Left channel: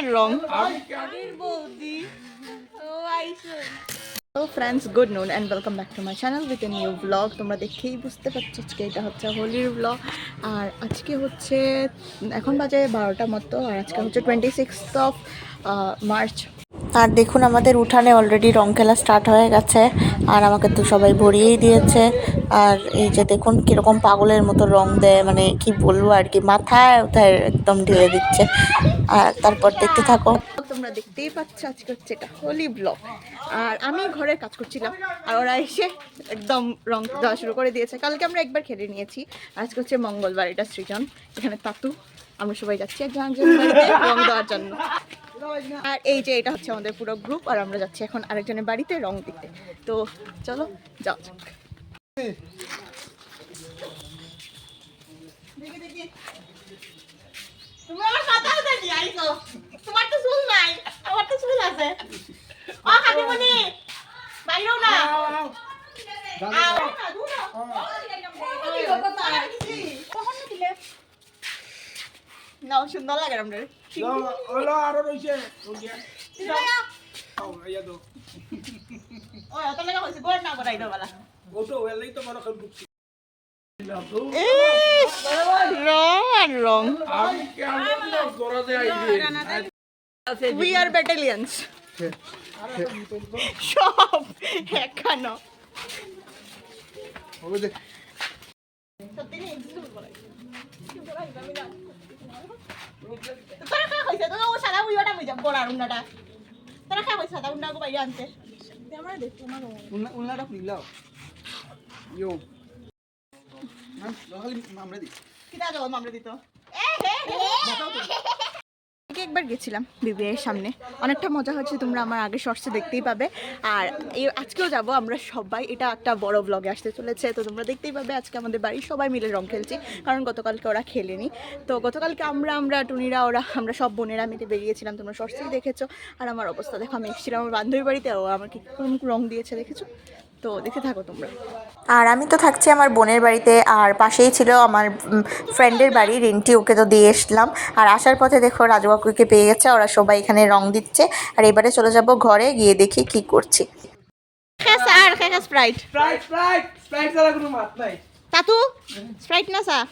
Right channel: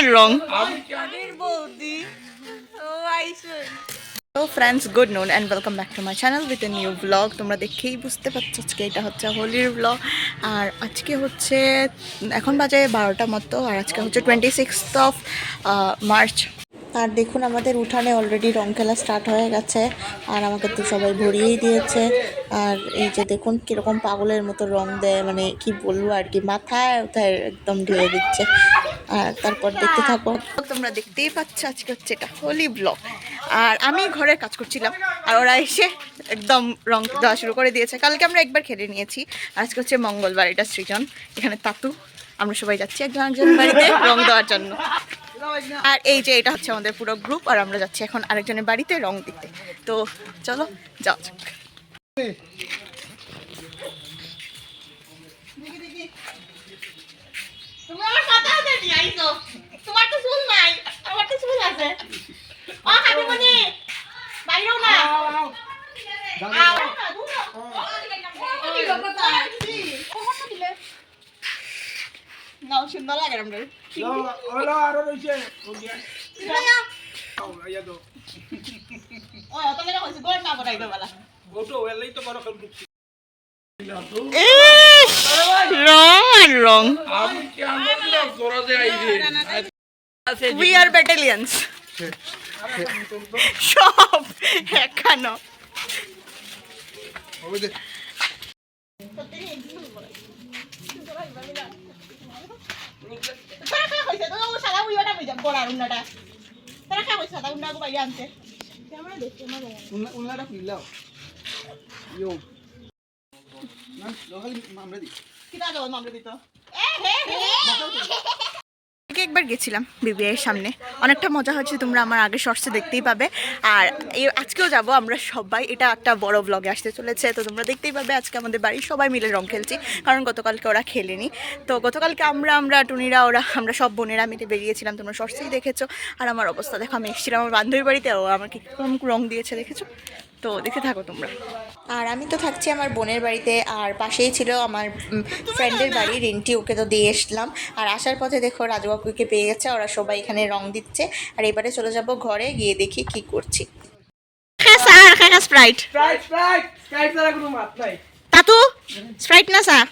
R wrong? Hello friends good noon and welcome back to my channel with a new blog তোমরা দেখেই বুঝতে পারছ আজকে এটা হচ্ছে হোলির ব্লগ আর আজকে হচ্ছে, এখন বাজে বারোটা মতো, আর আজকে হচ্ছে টোয়েন্টি সিক্সথ অফ মার্চ আর দেখুন, আমাদের উঠানে অলরেডি রং খেলা স্টার্ট হয়ে গেছে। আর আমাকে তো সবাই ভরিয়েই দিয়েছে। আর এই যে দেখুন, কীরকম পাগলের মতো রং দেয় মানে কি বলব আর কি, মাথায় ওথায় একদম ঢেলে দিচ্ছে। আর তারপর দেখতে থাকো। তোমরা দেখতেই পাচ্ছ, আজকে হচ্ছে এটা হোলি ব্লক আর আমি ঘরের কাজ করছিলাম, আর ওরা এসে একদম রং দেওয়া শুরু করে দিয়েছে। কালকে আমরা একবার খেলে নিয়েছি। আজকে হচ্ছে মঙ্গলবার, এটা সৃজন। এখানে তাতু। আমরা সবাই যাচ্ছি একজন একজনের বাড়িতে রং দেওয়ার জন্য। আর এই যে এটা হচ্ছে আমাদের পুরো গ্রুপ আর আমরা যাচ্ছি এখন আরেকজনের বাড়িতে রং দিতে। তো চলো যাও যাক। তোমার তো চুল নাই আমার তো চুল আছে। ও কাকিমণি বাইরেও না নাও সুন্দর লাগে আমাদের। Hola, ahora lo hice. ও অত লাগা হইছে গোর না বড়াইবে বালা। Oto, el leito para con রং আর রং। আমি কি আমরা জোরা দে আইবে উই আর ব্যাটালিয়ানস সব এখানো তারা খা কইছে তো ও সাদা উইওটা বুঝা বড় উন্নাটা তারা খা কইছে সাদা উন্না বাইরে আনতে আমরা দেখতে না উন্নাটা খুইলাও da pilao. Yo. মামরে দি কিটা দাও মামরে দিত এ হে দিত আগে একবার গেছিলাম বিবিআইয়ের সামনে। অনেকটা মজা হচ্ছে তোমরা আমার আগে শর্টসে দেখতেই পাবে। আর এই আজকেও যাব, আমরা সবাই, এটা একটা বড় ব্লগে আসতে চলেছে। তো তোমরা দেখতেই পাবে আজকে আমাদের বাড়ির সবাই মিলে রং খেলছি, কারণ গতকালকে ওরা খেলেনি। তো গতকালকে আমরা আমরা, টুনিরা, ওরা, আমরা সব বোনেরা মিলে বেরিয়েছিলাম, তোমরা শর্টসেই দেখেছ। আর আমার অবস্থা, দেখো, আমি এসেছিলাম আমার বান্ধবীর বাড়িতে, ও আমাকে কীরকম রং দিয়েছে, দেখেছ? তো দেখতে থাকো তোমরা। আর আমি তো থাকছি আমার বোনের বাড়িতে আর পাশেই ছিল আমার ফ্রেন্ডের বাড়ি রেন্টি ওকে তো দিয়ে এসলাম। আর আসার পথে দেখো রাজু কাকুকে পেয়ে গেছে ওরা সবাই এখানে রং দিচ্ছে। আর এবারে চলে যাব ঘরে গিয়ে দেখি কি করছি। হ্যাঁ স্যার হ্যাঁ স্প্রাইট কোনো মাত নাই। তাতু স্প্রাইট না স্যার.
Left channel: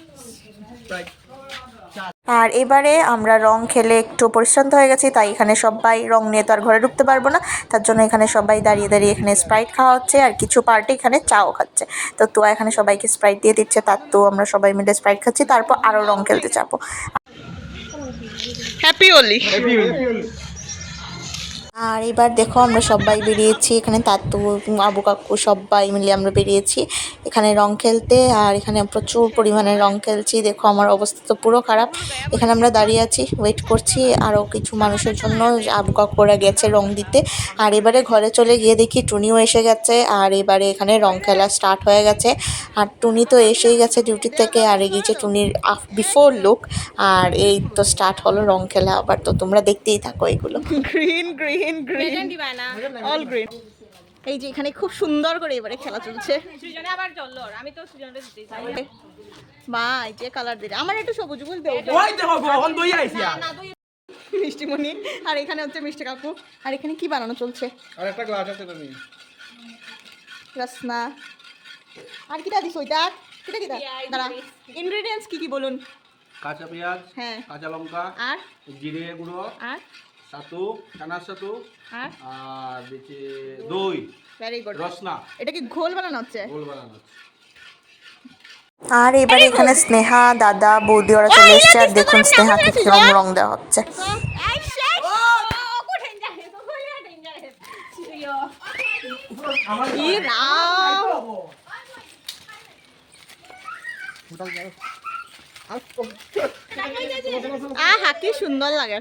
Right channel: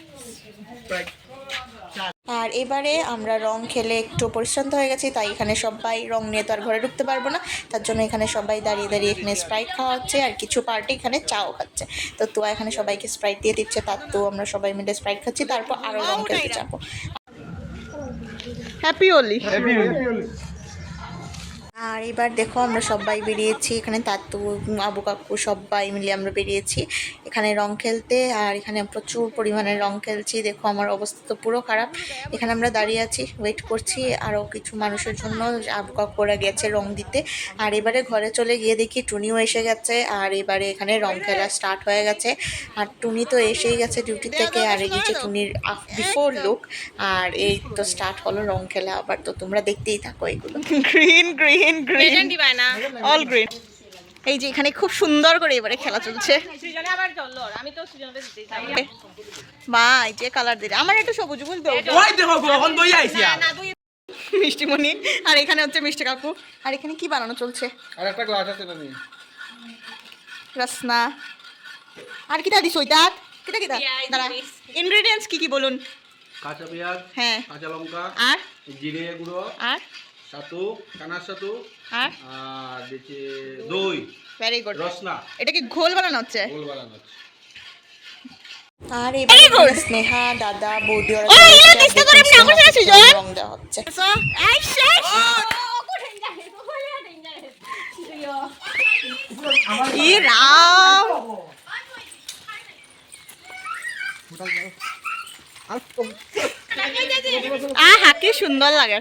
আর এবারে আমরা রং খেলে একটু পরিশ্রান্ত হয়ে গেছি তাই এখানে সবাই রং নিয়ে তো আর ঘরে ঢুকতে পারব না। তার জন্য এখানে সবাই দাঁড়িয়ে দাঁড়িয়ে এখানে স্প্রাইট খাওয়া হচ্ছে আর কিছু পার্টি এখানে চাও খাচ্ছে। তো তো এখানে সবাইকে স্প্রাইট দিয়ে দিচ্ছে তার তো আমরা সবাই মিলে স্প্রাইট খাচ্ছি তারপর আরও রং খেলতে যাব। হ্যাপি ওলি আর এবার দেখো আমরা সবাই বেরিয়েছি, এখানে তাতু, আবু কাকু সবাই মিলে আমরা বেরিয়েছি। এখানে রং খেলতে আর এখানে প্রচুর পরিমাণে রং খেলছি। দেখো আমার অবস্থা তো পুরো খারাপ। এখানে আমরা দাঁড়িয়ে আছি ওয়েট করছি। আরও কিছু মানুষের জন্য আবু কাকুরা গেছে রং দিতে। আর এবারে ঘরে চলে গিয়ে দেখি টুনিও এসে গেছে। আর এবারে এখানে রং খেলা স্টার্ট হয়ে গেছে। আর টুনি তো এসেই গেছে ডিউটি থেকে। আর এগিয়েছে টুনির বিফোর লুক আর এই তো স্টার্ট হলো রং খেলা। আবার তো তোমরা দেখতেই থাকো এগুলো। Green green green green all green এই যে এখানে খুব সুন্দর করে এবারে খেলা চলছে। মা এই যে কালার দিলে। আমার একটু সবুজ ফুল দেও। ওই দেখো কখন দই আইছি। মিষ্টিমণি আর এখানে হচ্ছে মিষ্টি কাকু। আর এখানে কি বানানো চলছে? আর একটা গ্লাস আছে তুমি রসনা। আর কিটা দিস ওইটা? কিটা কিটা? দাঁড়া। ইনগ্রেডিয়েন্টস কি কি বলুন? কাঁচা পেঁয়াজ হ্যাঁ। কাঁচা লঙ্কা আর? জিরে গুঁড়ো আর? ছাতু কানার ছাতু আর? আর দিচ্ছি দই ভেরি গুড রসনা। এটা কি ঘোল বানানো হচ্ছে? গোল বানানো হচ্ছে। আর এবারে এখানে স্নেহা দাদা বৌদি ওরা চলে এসছে আর দেখুন স্নেহাকে কীরকম রং দেওয়া হচ্ছে। রাম! আহা কি সুন্দর লাগে।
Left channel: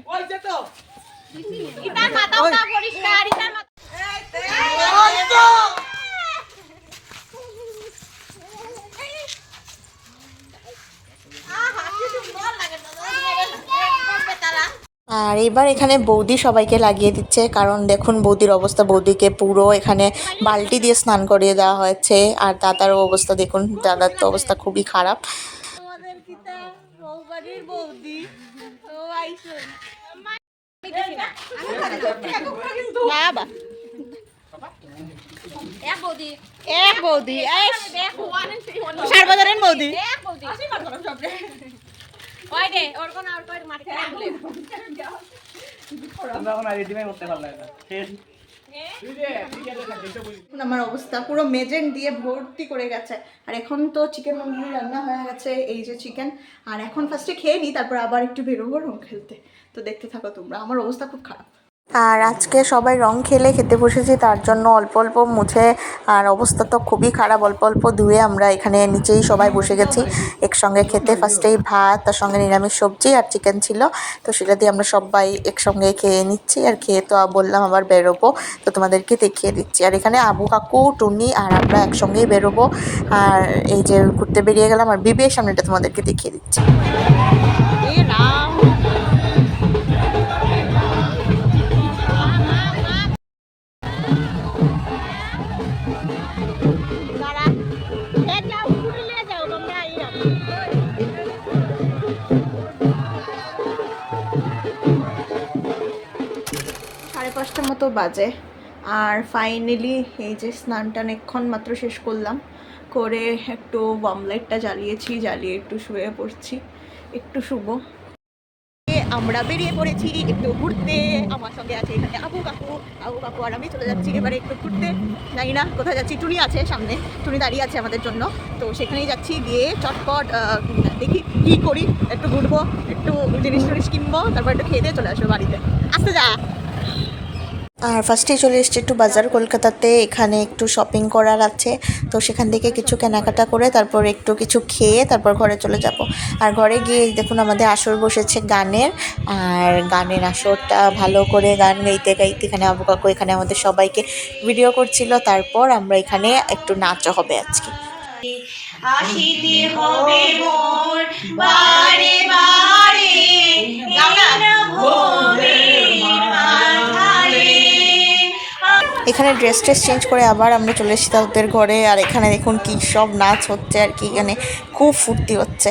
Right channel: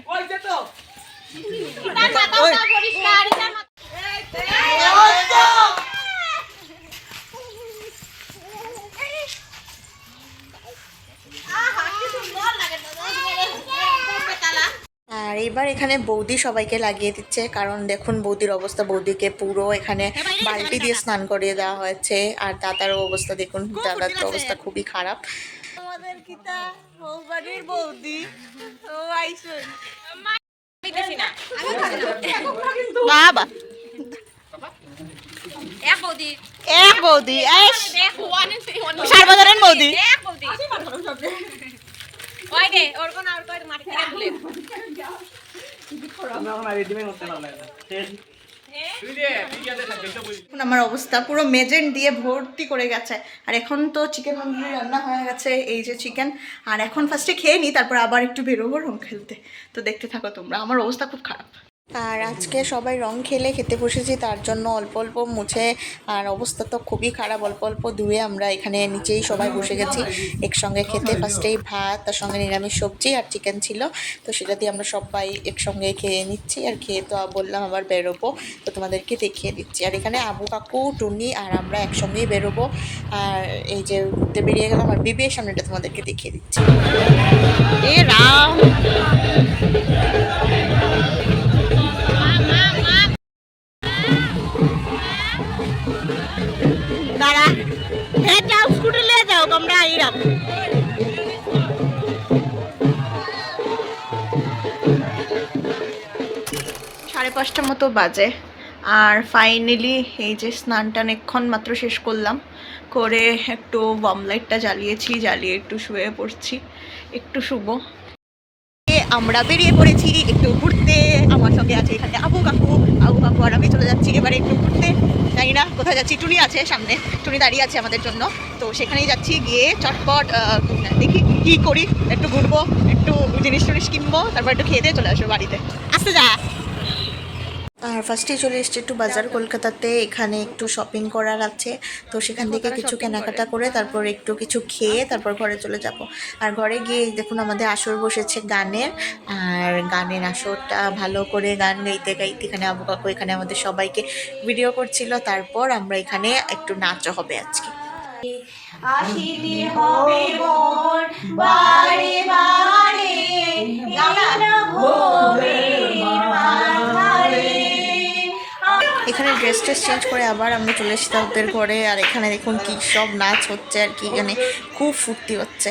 আর এবার এখানে বৌদি সবাইকে লাগিয়ে দিচ্ছে কারণ দেখুন বৌদির অবস্থা বৌদিকে পুরো এখানে বালতি দিয়ে স্নান করিয়ে দেওয়া হয়েছে আর দাদারও অবস্থা দেখুন দাদার তো অবস্থা খুবই খারাপ। আমাদের কিতা বৌবাড়ির বৌদি। ও না। বাবা। এক বৌদি। এক বৌদি এস বৌদি। এক বৌদি। ওই দে ওর কোন আর কই মাটি আমরা অবস্থা, পুরো মেজেন দিয়ে ভর্তি করে গেছে। আর এখন তো চিকেন তন্দুরি রান্না হয়ে গেছে, এই যে চিকেন আর এখন ফার্স্টে খেয়ে নিই তারপর আবার একটু বেরোবো রং খেলতে। তো দেখতে থাকো তোমরা, আমার অবস্থা খুব খারাপ। আর আজকে সবাই রং খেলে খেতে বসেছি, তার জন্য অল্প অল্প মুছে, আর অবস্থা তো খুবই খারাপ, অল্প অল্প ধুয়ে আমরা এখানে নিচেই সবাই বসে গেছি। একসঙ্গে খেতে ফার্স্টেই ভাত, তার সঙ্গে নিরামিষ সবজি আর চিকেন ছিল, তো সেটা দিয়ে আমরা সবাই একসঙ্গে খেয়ে নিচ্ছি, আর খেয়ে তো বললাম আবার বেরোবো, তো তোমাদেরকে দেখিয়ে দিচ্ছি। আর এখানে আবু, কাকু, টুনি আর আমরা একসঙ্গেই বেরোবো, আর এই যে ঘুরতে বেরিয়ে গেলাম, আর বিবের সামনেটা তোমাদেরকে দেখিয়ে দিচ্ছি। রাম! সাড়ে পাঁচটার মতো বাজে। আর ফাইনালি এই যে স্নান টান এক্ষণ মাত্র শেষ করলাম, করে একটু বম লাইটটা জ্বালিয়েছি, জ্বালিয়ে একটু শুয়ে পড়ছি। একটু শুবো। আমরা বেরিয়ে পড়েছি একটু ঘুরতে। আমার সঙ্গে আছে এখানে আবু কাকু। আবু কাকু আর আমি চলে যাচ্ছি এবারে একটু ঘুরতে। জানি না কোথায় যাচ্ছি। টুনি আছে সামনে। টুনি দাঁড়িয়ে আছে আমাদের জন্য। তো সেখানেই যাচ্ছি গিয়ে চটপট দেখি কি করি। একটু ঘুরবো, একটু জিনিস টুনিস কিনবো, তারপর একটু খেয়ে দিয়ে চলে আসব বাড়িতে। আসতে যা। আর ফার্স্টে চলে এসেছি একটু বাজার কলকাতাতে, এখানে একটু শপিং করার আছে। তো সেখান থেকে কিছু কেনাকাটা করে, তারপর একটু কিছু খেয়ে তারপর ঘরে চলে যাব। আর ঘরে গিয়ে দেখুন আমাদের আসর বসেছে গানের, আর গানের আসরটা ভালো করে গান গাইতে গাইতে এখানে আবু কাকু এখানে আমাদের সবাইকে ভিডিও করছিল, তারপর আমরা এখানে একটু নাচও হবে আজকে। আসিতে হবে মোর বারে বারে এখানে ড্রেস ট্রেস চেঞ্জ করে আবার আমরা চলে এসেছি ওদের ঘরে। আর এখানে দেখুন কি সব নাচ হচ্ছে আর কি এখানে খুব ফুর্তি হচ্ছে।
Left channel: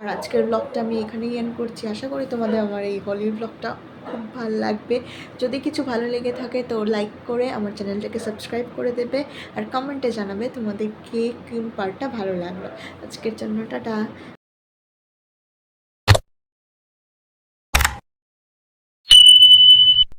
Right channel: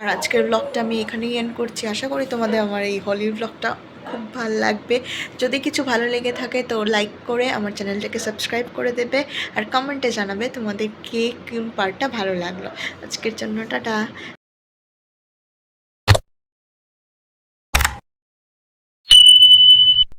আর আজকের ব্লগটা আমি এখানেই এন্ড করছি। আশা করি তোমাদের আমার এই হলিউড ব্লগটা খুব ভালো লাগবে। যদি কিছু ভালো লেগে থাকে তো লাইক করে আমার চ্যানেলটাকে সাবস্ক্রাইব করে দেবে আর কমেন্টে জানাবে তোমাদের কে কোন পার্টটা ভালো লাগল। আজকের জন্য টাটা।